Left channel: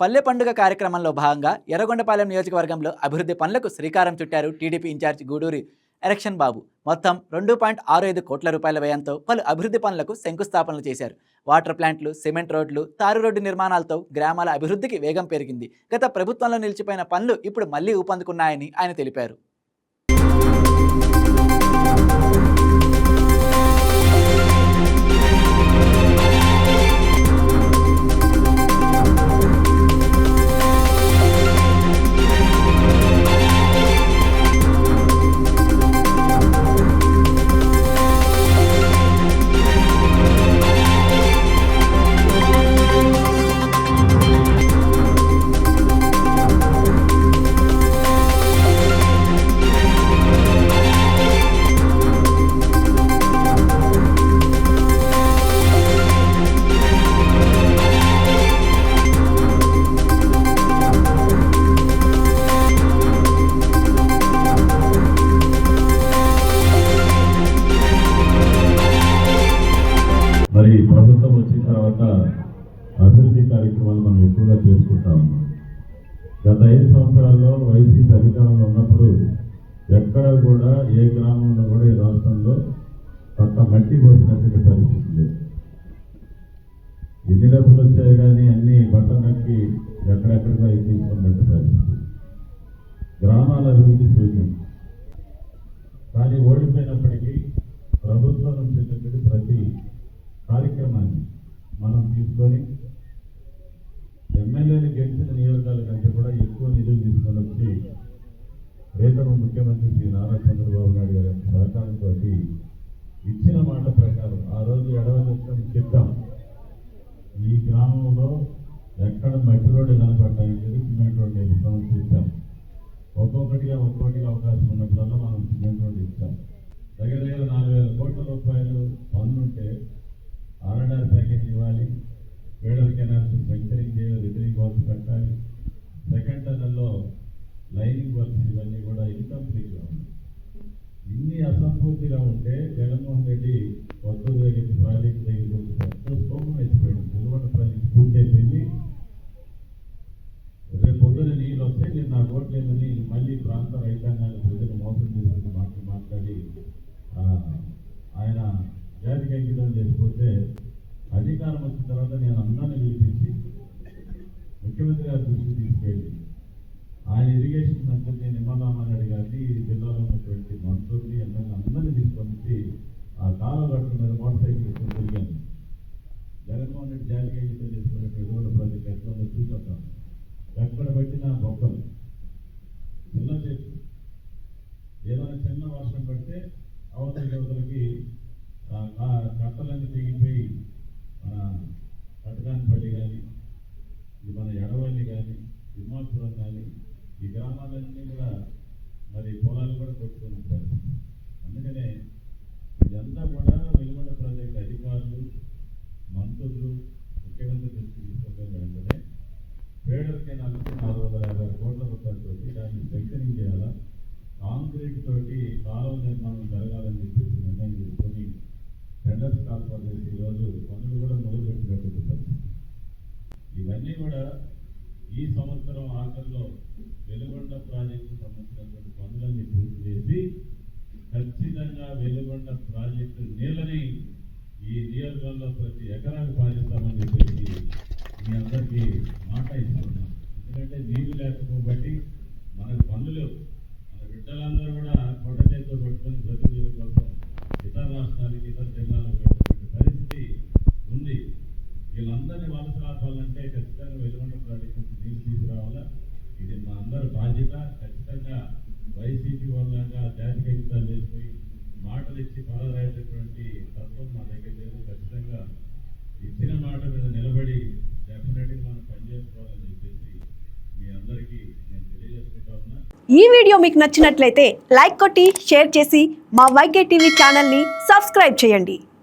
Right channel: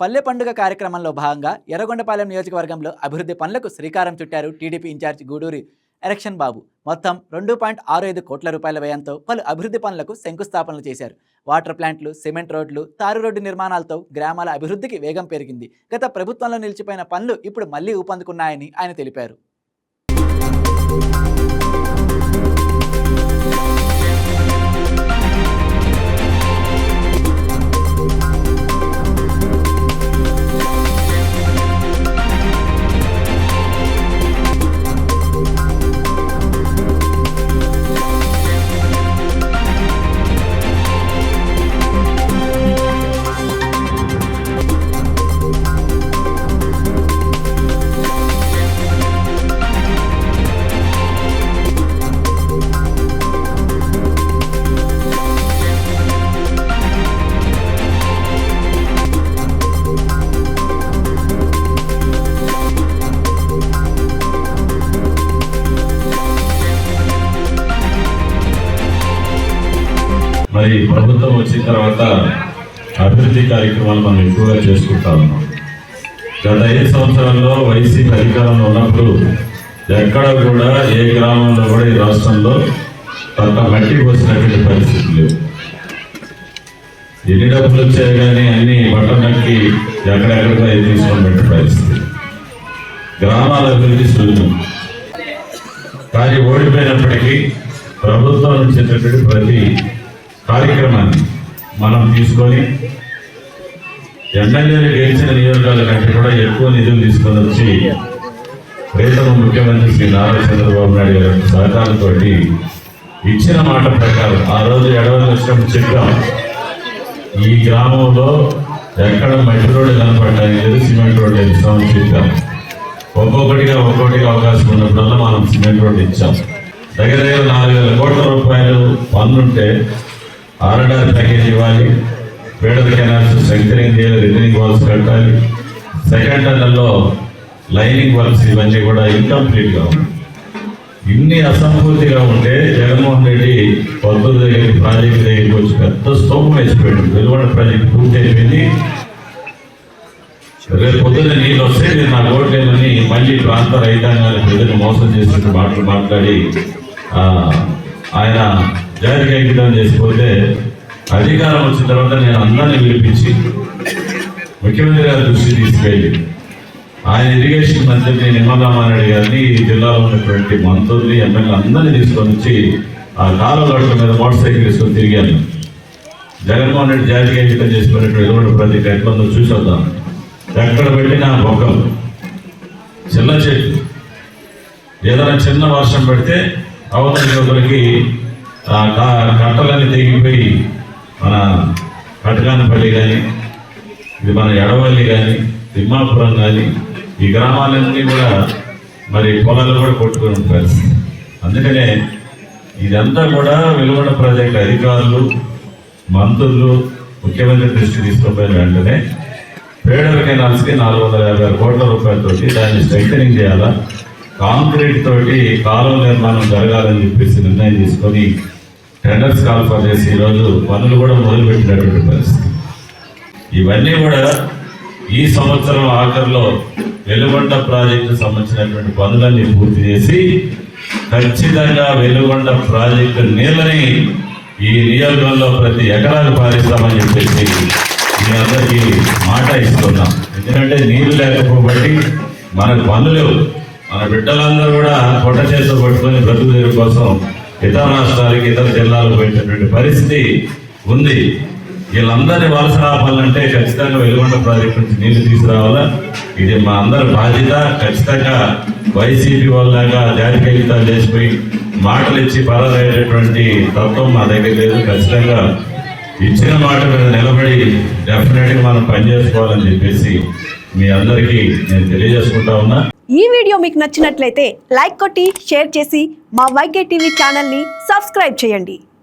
పల్లె పండుగ కార్యక్రమంలో భాగంగా ఎర్రగొండపాలెం నియోజకవర్గంలో అభివృద్ధి పనులకు శ్రీకారం చుట్టారు టీడీపీ ఇన్ఛార్జ్ గూడూరి ఎలక్షన్ బాబు. మొత్తం 2.65 కోట్ల రూపాయల వ్యయంతో పలు అభివృద్ధి పనులకు శంకుస్థాపనలు చేశారు. వాటర్ ప్లాంట్లు, సిమెంట్ రోడ్లు, తారు రోడ్డు నిర్మాణాలతో గ్రామాల అభివృద్ధికి వేగం పెరిగింది. గత ప్రభుత్వంలో నిలిచిపోయిన పనులు ఇప్పుడు మళ్లీ ఊపందుకున్నాయని ఆయన తెలిపారు. మరి ప్రభుత్వం వచ్చిన తర్వాత అభివృద్ధి కార్యక్రమాలు మనం ఎక్కువగా చేసుకుంటా ఉన్నాం. గత 5 సంవత్సరాల్లో వైసీపీ అధికారంలో ఉన్నప్పుడు ఎక్కడ కూడా ఏ గ్రామంలో కూడా ఈ రాష్ట్రంలో కొంత మట్టి పోసినటువంటి పరిస్థితి లేవు. ఎన్ని డబ్బులు వచ్చాయి కానీ అన్ని బట్టనక్కి ఎక్కడెక్కడికో తీసుకున్నటువంటి పరిస్థితి. గ్రామాల అభివృద్ధి శూన్యం. కానీ ఓడిపోయినప్పటికీ ప్రభుత్వం నుంచి ప్రతి కార్యక్రమాన్ని మనం తీసుకొని ఎమ్మెల్యేలు గెలిచిన నియోజకాల కంటే కూడా ఎక్కువ నిధులు తీసుకొని వచ్చి ప్రీతమ ముఖ్యమంత్రి శ్రీ నారా చంద్రబాబు నాయుడు గారి సహకారంతో ఇచ్చిన మాట ప్రకారం ఆ రోజు ఎడవలు వచ్చినప్పుడు చెప్పాం, ఈ గ్రామంలో ఎక్కడ మట్టి రోడ్డు కనపడటానికి లేదు, సిమెంట్ రోడ్డు ఇస్తామని చెప్పాం. ఒక్కొక్కటిగా అవకాశం ఉన్నప్పుడల్లా మనం సిమెంట్ రోడ్డు ఇచ్చాం. దగ్గర 4,000 కోట్ల రూపాయలు పన్నుంటే ఆర్ఆర్ ప్యాకేజ్ ఇవ్వాలి, పేడల కెనాల్స్ సెంటరింగ్ చేయాలి, రిటర్నింగ్ వాల్స్ కట్టాలి, సెకండ్ టన్నల్లో లైనింగ్ వర్క్స్ ఇవన్నీ కూడా ఇన్కంప్లీట్గా ఉన్నాయి. ఇన్ని అసంపూర్తిగా ఉంటే జగన్మోహన్ రెడ్డి పొద్దుల దగ్గరికి ప్రాజెక్టు దగ్గరికి వచ్చి పెద్ద స్తూపం వేసిపోయాడు. వెలువడ ప్రాజెక్టు పూర్తి అయిపోయింది, రేపు పొద్దున్న నీళ్ళు వస్తే నేను నా ఓట్లేమని మళ్ళీ ప్రాంత రైతాంగాన్ని ప్రజలు మోసం చేసినట్టు మాటలు మాట్లాడి ఆయన జాతికి అంకితం చేసిపోతే అధికారం వచ్చిన తర్వాత నేను అందరినీ పిలిపించి ముఖ్యమంత్రి గారి దృష్టి తీసుకెళ్ళి ఆయన ఇరిగేషన్ మంత్రిని నిమ్మరామారెడ్డి గారిని ఈ జిల్లాలో ఉన్నటువంటి మంత్రుల్ని ఎమ్మెల్యే అందరినీ తీసుకొని వచ్చి ఆ కాలువల మీద మోటార్ సైకిల్ తీసుకొని తిరిగాను. జగన్మోహన్ రెడ్డి జాతికి అంకితం చేసిపోయినటువంటి ఎటువంటి ప్రతి ఎట్లా చూసొద్దాం. ఎక్కడ పెట్టినా మొక్కలు, చిన్న చెట్లు, ఏదైనా చిన్న వర్షం పెడితే అవతల యువకులకి కట్టలన్నీ తెగిపోయి మన కటకానపల్లి కానీ, ఇది మన ఎడవల్లి కానీ, తిమ్మాపురం కానీ, ఈ గ్రామాలన్నీ కూడా మరి పొలాలు కూడా కొట్టుకుని పరిస్థితి. అందుకనే ఇదంతా కూడా వెలువడ ప్రాజెక్టు అధికారులు, మంత్రులు, ముఖ్యమంత్రి దృష్టి తీసుకుపోయిన వెంటనే పేడల కెనాల్స్కి 456 కోట్ల రూపాయలతోటి దాన్ని స్ట్రెంథనింగ్ చేయాలా, కాంక్రీట్ తోటి కాలువ నిర్మాణం జరగాలని చెప్పేసి నిర్ణయం తీసుకొని టెండర్స్ కాల్ఫర్ చేసి ఈరోజు పనులు కూడా మొదలుపెట్టినటువంటి పరిస్థితి. ఇవన్నీ కూడా ఈ సంవత్సరం ఆఖరిలో వెలుగొండ ప్రాజెక్టు సంబంధించినటువంటి పనులన్నీ పూర్తి చేసి ఖచ్చితంగా వెలుగొండ ప్రాజెక్టు నీళ్ళని ఈ నియోజకవర్గంలో ప్రతి ఎకరాలు పారిస్తామని చెప్పేసి మీ అందరికీ మాట ఇస్తున్నాం. ఎందుకంటే నీళ్లు లేకపోబట్టి మనకు పనులు లేవు. మన బిడ్డలందరూ కూడా పొట్ట చేతులు పట్టుకొని బ్రతుకు కోసం ఇతర రాష్ట్రాలకి, ఇతర జిల్లాలకు పెట్టినటువంటి పరిస్థితి ఉంది. వీళ్ళందరినీ వలస రావాలంటే ఖచ్చితంగా వెలుగొండ ప్రాజెక్టు నుంచి నీళ్లు తీసుకురావాలా. ఇది మా అందరి బాధ్యత. ఖచ్చితంగా వైసీపీ వాళ్ళగా జాతికైతాలు చేసిపోయి మాటలు ఇచ్చి పరారయ్యేటటువంటి తత్వం మా దగ్గర లేదు. ఖచ్చితంగా ఇచ్చిన మాట మీద నిలబడి డెఫినెట్గా మనం పనిచేసుకోవాలని చెప్పేసి మీ అందరికీ నేను తెలియజేసుకుంటా ఉన్నా. ఈ వీడియో మీకు నచ్చినట్లయితే లైక్ కొట్టి షేర్ చేసి మా వైకే టీవీ ఛానల్ని సబ్స్క్రైబ్ చేయండి.